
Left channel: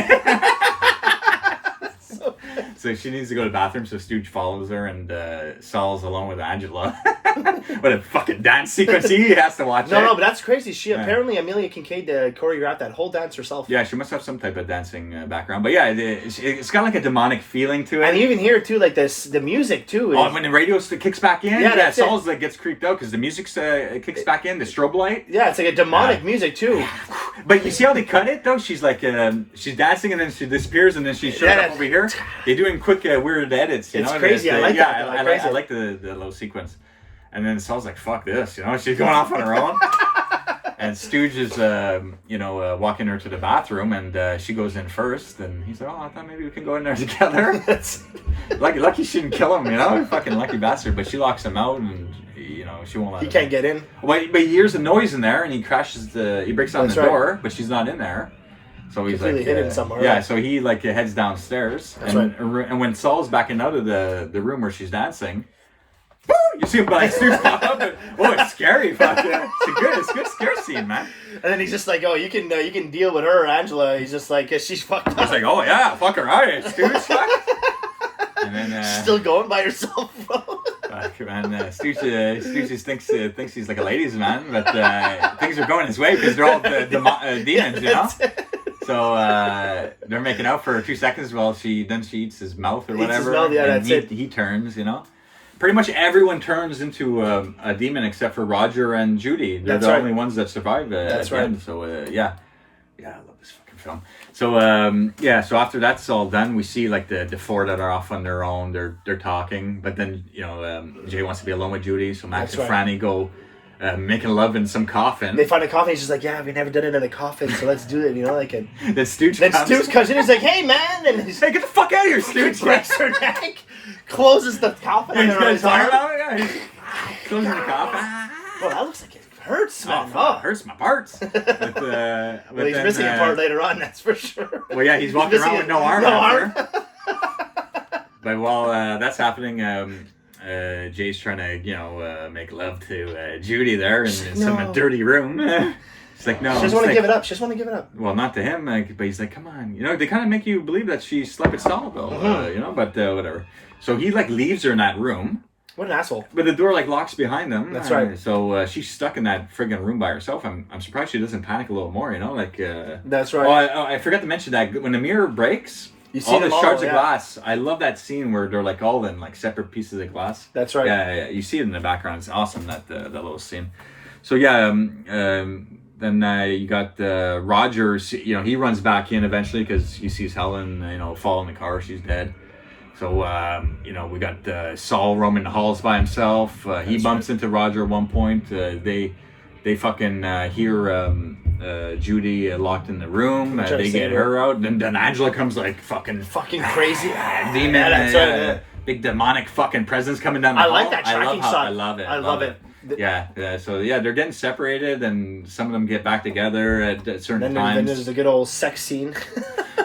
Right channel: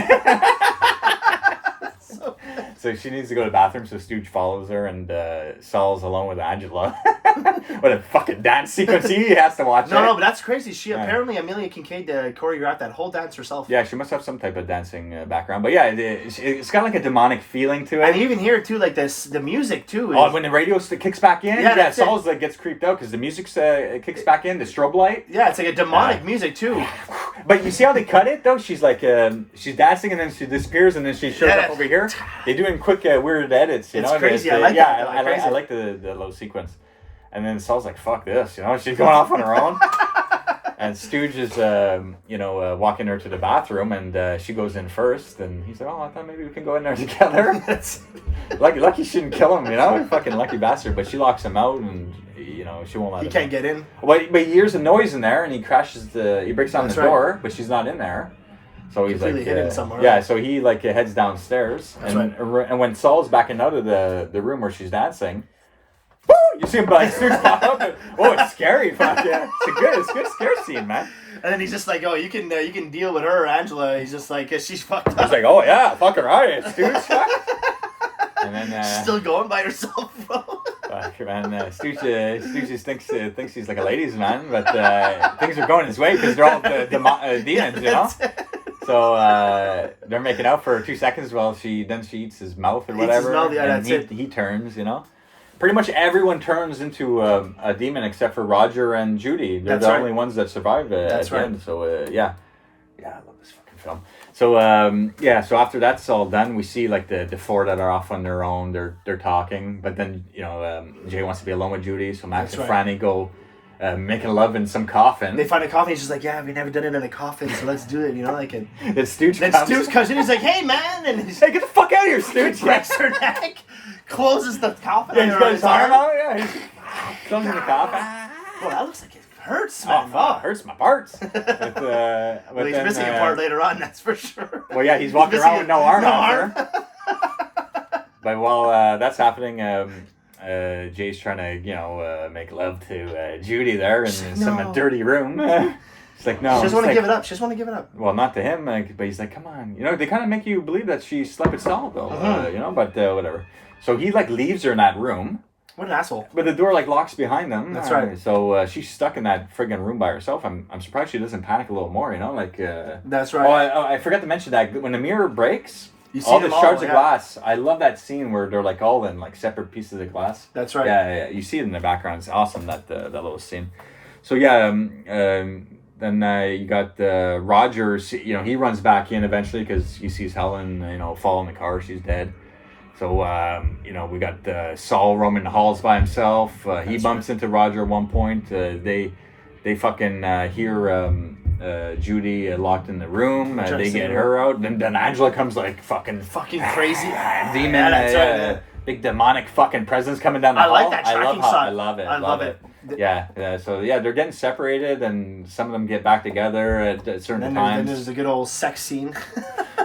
So she needs to go to the bathroom, so Stooge follows her, and Saul's alone with Angela. What a fucking dance sequence he has to watch. No, but that's crazy. She apparently, Amelia Kincaid choreographed that whole dance herself. Yeah, she must have some type of dancing background. But yeah, it's got like a demonic feeling to it. And even here, too, like the music, too. When the radio kicks back in, Saul's like gets creeped out because the music kicks back in, the strobe light. Yeah, it's like a demonic music, too. But you see how they cut it, though? She's like, she's dancing and then she disappears and then she shows up over here. They do in quick, weird edits. It's crazy. I like that. I like the little sequence. And then Saul's like, fuck this, you know? She's going off on her own. And Stooge is, walking her to the bathroom, and she goes in first. And he's like, I thought maybe we can go in there together. Lucky she didn't kill him, you know? Fucking lucky bastard. But she locks him out, and, she won't let him. He can't get in. But he hears a noise in there, and he breaks down the door, but she's not in there. So he's completely hidden somewhere. Yeah, so he heads downstairs. That's right. And when Saul's backing out of the room where she's dancing, woo! You see him Stooge pop up. It's scary. Fuck yeah. It's a good scare scene, man. And then he's just like, you can deal with her, Angela. He's just like, she's fucked up. He's like, oh yeah, fuck her, alright, Stooge. And then still going by herself, bro. And Stooge just thinks he's like a ladies' man, but things are going his way because they're all demons, you know. So they're making out for 2 seconds while she eats his mouth or whatever. Eats his mouth, yeah, that's it. He turns, you know. Pretty much everyone turns into a demon except for Roger and Judy. They're the only ones that survive. That's right. End. So I love this fucking film. So so after that's all done, we see like the four that are off on their own. They're talking, but then Jay wants to be alone with Judy, so Max and Franny go making love in some coffin. They find a coffin. He's just like, we've never done it in a coffin, so let's do it. The Stooge. Then Stooge comes in. He's like, hey man, and he's like, get the fuck out of here, Stooge. Breaks her neck, closes the coffin on his arm. Closing the coffin. Well, that looks like it hurts, man. Oh, it hurts my parts. Well, he's missing a part later on, that's for sure. Well, yeah, he's walking around with no arm. But while that's happening, Jay's trying to, make love to Judy there in some dirty room. It's like, no. She doesn't want to give it up. She doesn't want to give it up. Well, not to him, but he's like, come on. They kind of make you believe that she slept with Saul, though, but whatever. So he, leaves her in that room. What an asshole. But the door, locks behind them. That's right. So she's stuck in that friggin' room by herself. I'm surprised she doesn't panic a little more, That's right. Oh, I forgot to mention that when the mirror breaks, you see all them the shards of glass. I love that scene where they're, all in, separate pieces of glass. That's right. Yeah. You see it in the background. It's awesome, that little scene. So yeah, then you got Roger. He runs back in eventually because he sees Helen, fall in the car. She's dead. So we got Saul roaming the halls by himself. He bumps into Roger at one point. They fucking hear Judy locked in the room. They get her out, and then Angela comes like fucking crazy. Demon. That's right. Big demonic fucking presence coming down the hall. I like that tracking shot. I love it. I love it. Yeah. So they're getting separated, and some of them get back together at certain times. Then there's the good old sex scene.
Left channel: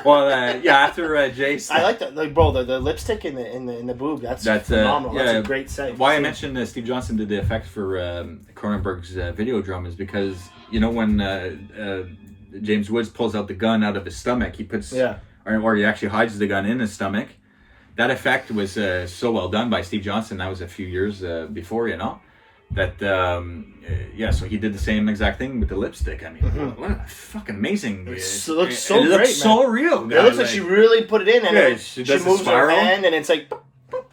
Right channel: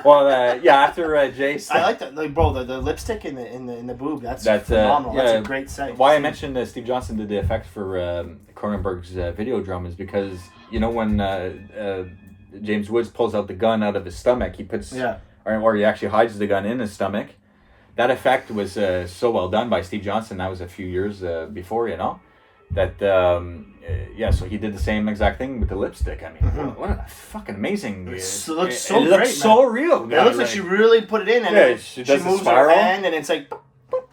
Well, after Jace. I like that, bro. The lipstick in the boob. That's phenomenal. That's a great sight. Why I mentioned Steve Johnson did the effects for Cronenberg's Videodrome is because when James Woods pulls out the gun out of his stomach, he puts or he actually hides the gun in his stomach. That effect was so well done by Steve Johnson. That was a few years before, that so he did the same exact thing with the lipstick. I mean, what a fucking amazing! It looks so great, looks so real. It looks like she really put it in, and she moves her hand, and it's like.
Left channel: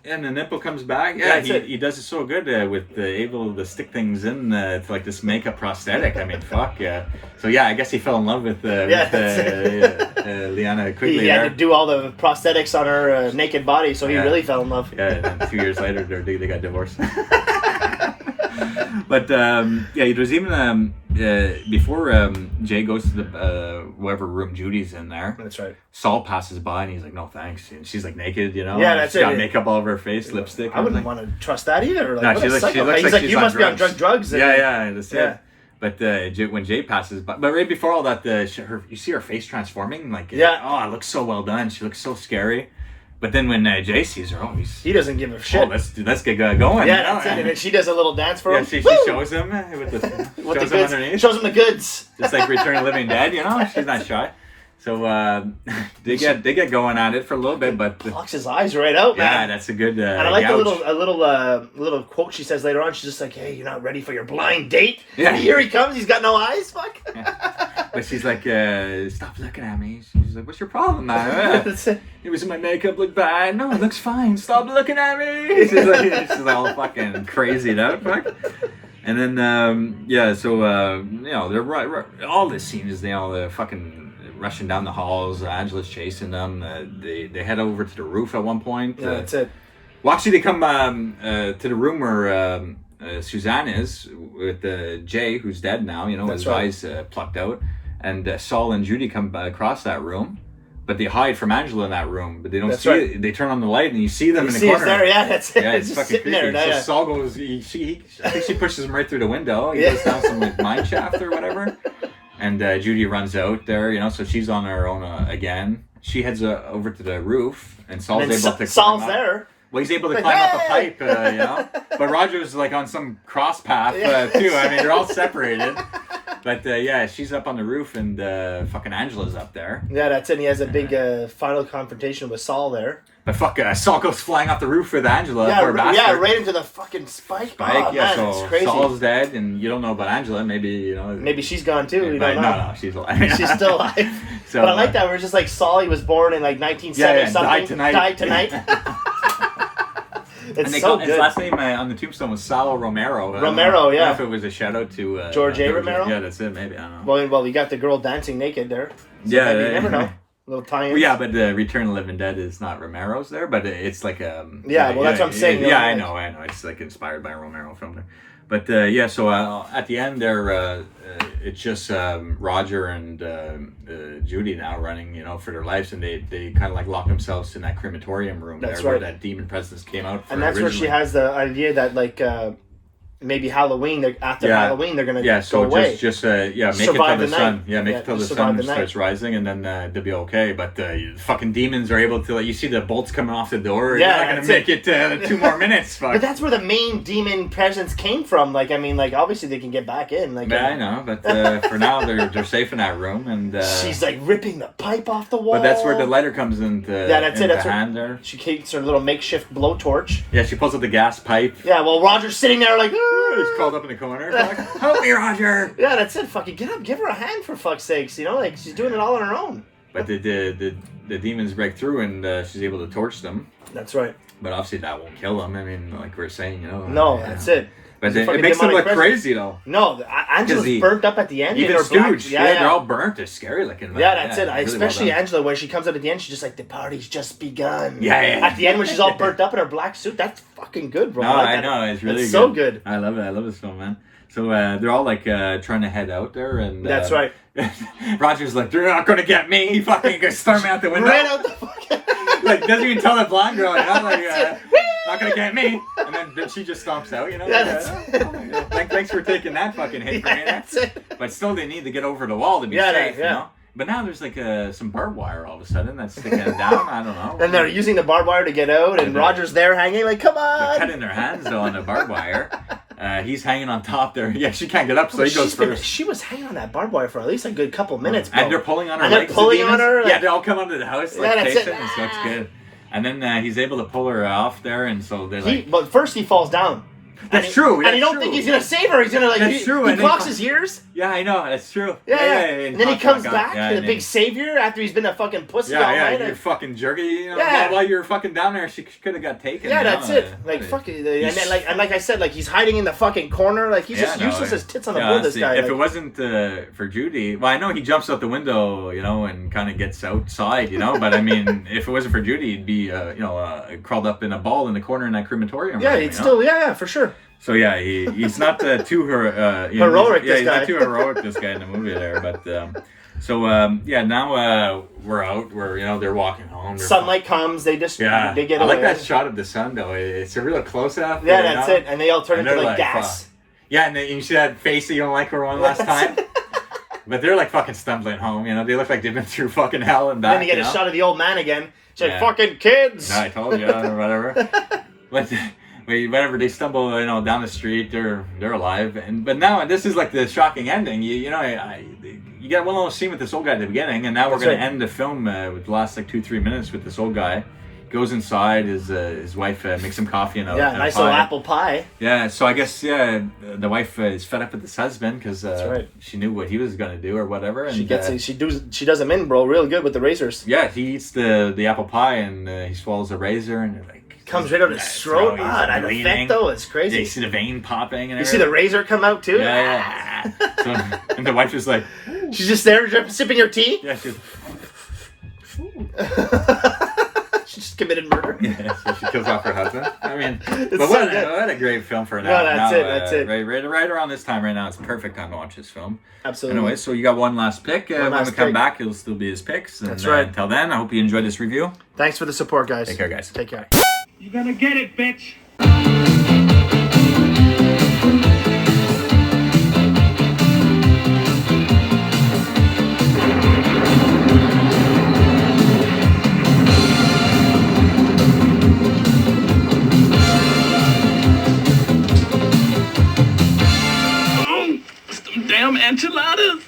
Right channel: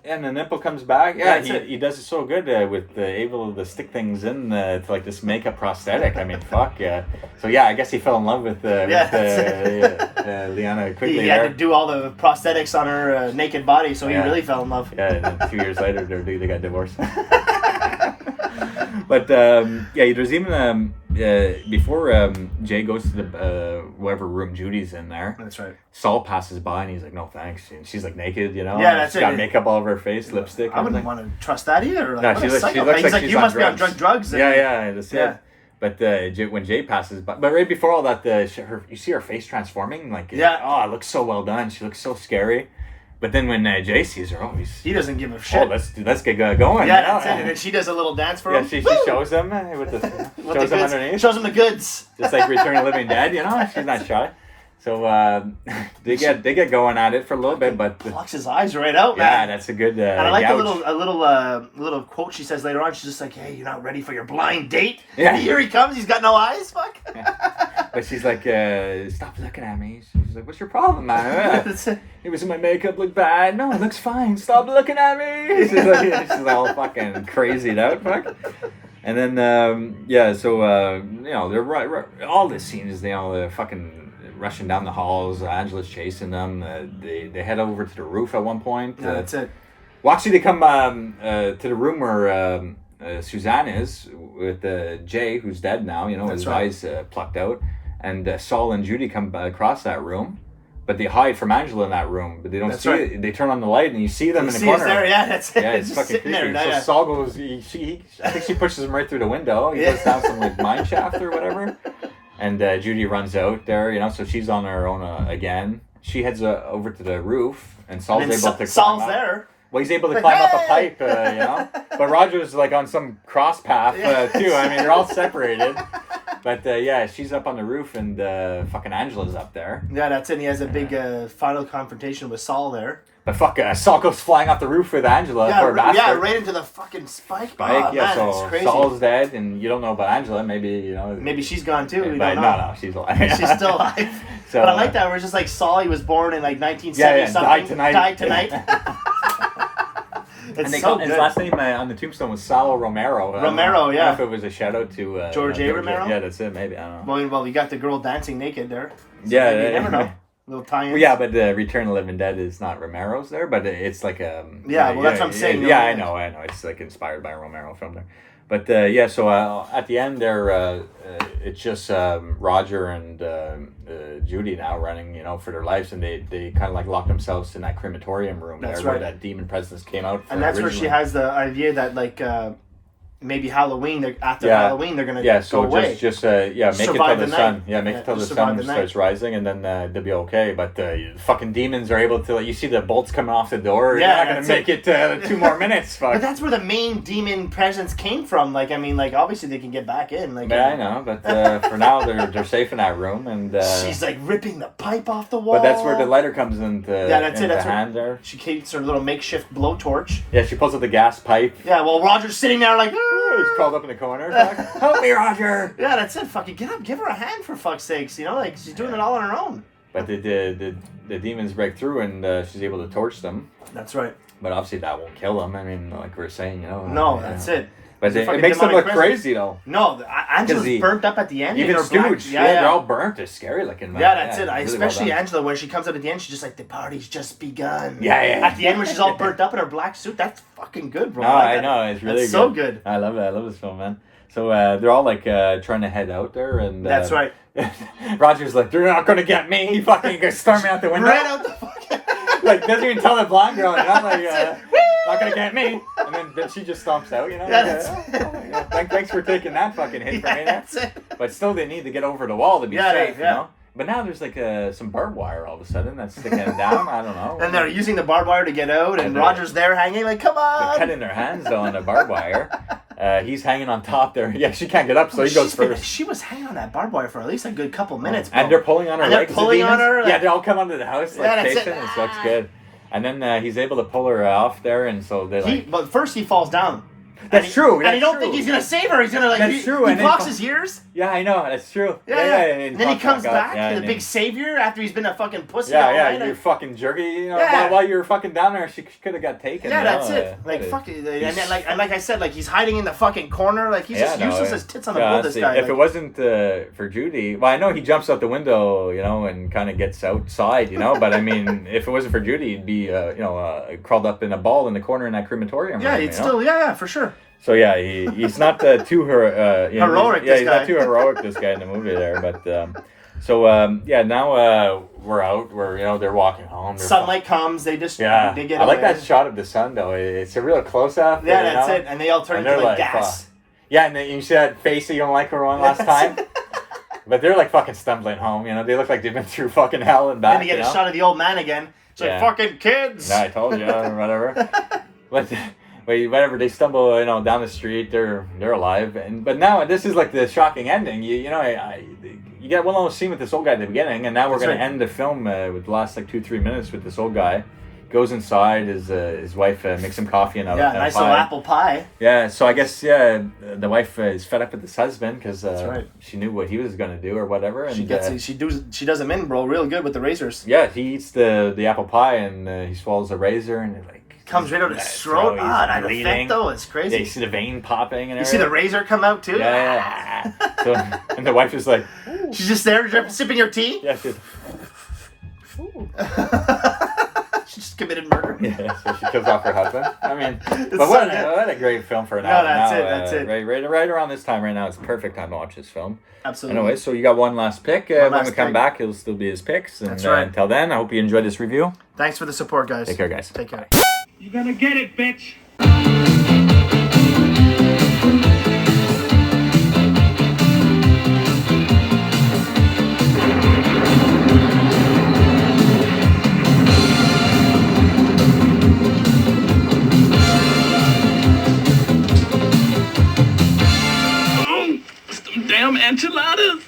And the nipple comes back. Yeah, he does it so good with able to stick things in to like this makeup prosthetic. I mean, fuck yeah. So yeah, I guess he fell in love with Liana quickly. He had to do all the prosthetics on her naked body, so he really fell in love. Yeah, and then 2 years later, they got divorced. But there's even before Jay goes to the whatever room Judy's in there. That's right. Saul passes by and he's like, "No thanks." And she's like naked, Yeah, that's she's got makeup all over her face, lipstick. I wouldn't want to trust that either. Like, no, he's like, "You must be on drugs." Yeah, that's it. But when Jay passes by, but right before all that, you see her face transforming. Like, it looks so well done. She looks so scary. But then when Jay sees her, he doesn't give a shit. Let's get going. Yeah, that's it. And then she does a little dance for him. She shows him with the goods. Shows him the goods. Just like Return of the Living Dead, She's not shy. So they get going at it for a little bit, but plucks his eyes right out, man. Yeah, that's a good. And I like a little quote she says later on. She's just like, "Hey, you're not ready for your blind date." Yeah. And here he comes. He's got no eyes. Fuck. Yeah. But she's like, "Stop looking at me." She's like, "What's your problem, man?" It was my makeup look bad. No, it looks fine. Stop looking at me. She's all fucking crazy out. Fuck. And then they're right. All this scene is they all fucking rushing down the halls. Angela's chasing them. They head over to the roof at one point. Yeah, that's it. Well, actually, they come to the room where Suzanne is with Jay, who's dead now. His eyes plucked out. And Saul and Judy come across that room. But they hide from Angela in that room. But they don't see it. They turn on the light and you see them in the corner. It's there, that's it. Yeah, it's just sitting there. So Saul goes, I think she pushes him right through the window. He goes down some mine shaft or whatever. And Judy runs out there, so she's on her own again. She heads over to the roof, and Saul's able to. Saul's there. Well, he's able to climb up a pipe, But Roger's like on some cross path too. I mean, they're all separated. But she's up on the roof, and fucking Angela's up there. Yeah, that's it. He has a big final confrontation with Saul there. But Saul goes flying off the roof with Angela. Yeah, right into the fucking spike. Oh, man, so it's crazy. Saul's dead, and you don't know about Angela. Maybe Maybe she's gone too. We don't know. No, she's alive. She's still alive. But I like that. We're just like Saul. He was born in like 1970 something. Died tonight. It's so good. His last name on the tombstone was Sal Romero. Romero, I don't know if it was a shout out to George A. Romero. Yeah, that's it. Maybe I don't know. Well, we got the girl dancing naked there. So maybe you never know. Little tie-ins. Yeah, but Return of the Living Dead is not Romero's there, but it's like a... that's what I'm saying. Yeah, I know. It's like inspired by a Romero film there. But so at the end there, it's just Roger and Judy now running, for their lives, and they kind of like lock themselves in that crematorium room. That's where right. that demon presence came out. And that's where she has the idea that like... maybe Halloween. Halloween, they're gonna go away. Make survive it till the sun. Yeah, make it till the sun starts rising, and then they'll be okay. But fucking demons are able to. You see the bolts coming off the door. Yeah, they're not gonna make it 2 more minutes. Fuck. But that's where the main demon presence came from. Like, I mean, like obviously they can get back in. Like, I know, but for now they're safe in that room, and she's like ripping the pipe off the wall. But that's where the lighter comes into. That's it. That's hand there. She keeps her little makeshift blowtorch. Yeah, she pulls out the gas pipe. Yeah, well, Roger's sitting there like. He's crawled up in the corner. Like, help me, Roger. Yeah, that's it. Fucking get up, give her a hand for fuck's sakes. Like she's doing it all on her own. But the demons break through and she's able to torch them. That's right. But obviously that won't kill them. I mean, like we were saying, No, that's it. But it makes them look crazy though. No, Angela's burnt up at the end. Even Stooge, they're all burnt. They're scary looking. Yeah, that's it. Really especially Angela, when she comes out at the end, she's just like, the party's just begun. Yeah. At the end, when she's all burnt up in her black suit, that's fucking good, bro. No, I know. It's really so good. I love it. I love this film, man. So they're all like trying to head out there, and that's right. Roger's like, they're not gonna get me. He fucking goes storming out the window. Right out the fucking. Like doesn't even tell the blonde girl, not gonna get me. And then she just stomps out, Yeah, that's it. Oh my God. Thanks for taking that fucking hit for me. That's it. But still, they need to get over the wall to be safe, you know. But now there's like some barbed wire all of a sudden that's sticking them down. I don't know. And they're using the barbed wire to get out, and Roger's there hanging like, come on. They're cutting their hands though on the barbed wire. He's hanging on top there. Yeah, she can't get up, so he goes first. She was hanging on that barbed wire for at least a good couple minutes, bro. And they're pulling on her. And they're pulling on her. Yeah, they all come under the house. Like, that's it. So it's good. And then he's able to pull her off there, and so they But first he falls down. That's true. And he don't think he's gonna save her. He's gonna he clocks his ears. Yeah, I know. That's true. Yeah. And then he comes back, the big savior, after he's been a fucking pussy all night. You're fucking jerky. You know, while you were fucking down there, she could have got taken. Yeah, that's it. Like fucking, and then like I said, like he's hiding in the fucking corner. Like he's just useless as tits on the bull. This guy. If it wasn't for Judy, well, I know he jumps out the window, you know, and kind of gets outside, you know. But I mean, if it wasn't for Judy, he'd be, crawled up in a ball in the corner in that crematorium. Yeah, he'd still, for sure. So yeah, he's not too heroic. He's not too heroic. This guy in the movie there, but now we're out. They're walking home. Sunlight comes. They just they get. I like that shot of the sun though. It's a real close up. Yeah, that's it. And they all turn into like gas. Yeah, and you see that face that you don't like her on last time. But they're like fucking stumbling home. You know, they look like they've been through fucking hell and back. Then you get a shot of the old man again. It's like fucking kids. No, I told you or whatever. But whenever they stumble, down the street, they're alive. But now this is like the shocking ending. You get one little scene with this old guy at the beginning, and now we're going to end the film with the last like 2-3 minutes with this old guy. Goes inside, his wife makes him coffee and a nice little apple pie. Yeah, so I guess the wife is fed up with this husband because she knew what he was going to do or whatever. And she does him in, bro, real good with the razors. Yeah, he eats the apple pie and he swallows a razor and comes right out his throat. That effect though is crazy. Yeah, you see the vein popping and you see the razor come out too. Yeah. So, and the wife is like, ooh. She's just there sipping her tea. Yeah, she just committed murder. Yeah, so she kills off her husband. I mean, but what a great film for now. No, that's it. Right around this time right now, it's the perfect time to watch this film. Absolutely. Anyway, so you got one last pick. When we come back, it'll still be his picks. And, that's right. Until then, I hope you enjoyed this review. Thanks for the support, guys. Take care, guys. Take care. You're gonna get it, bitch. Damn enchiladas!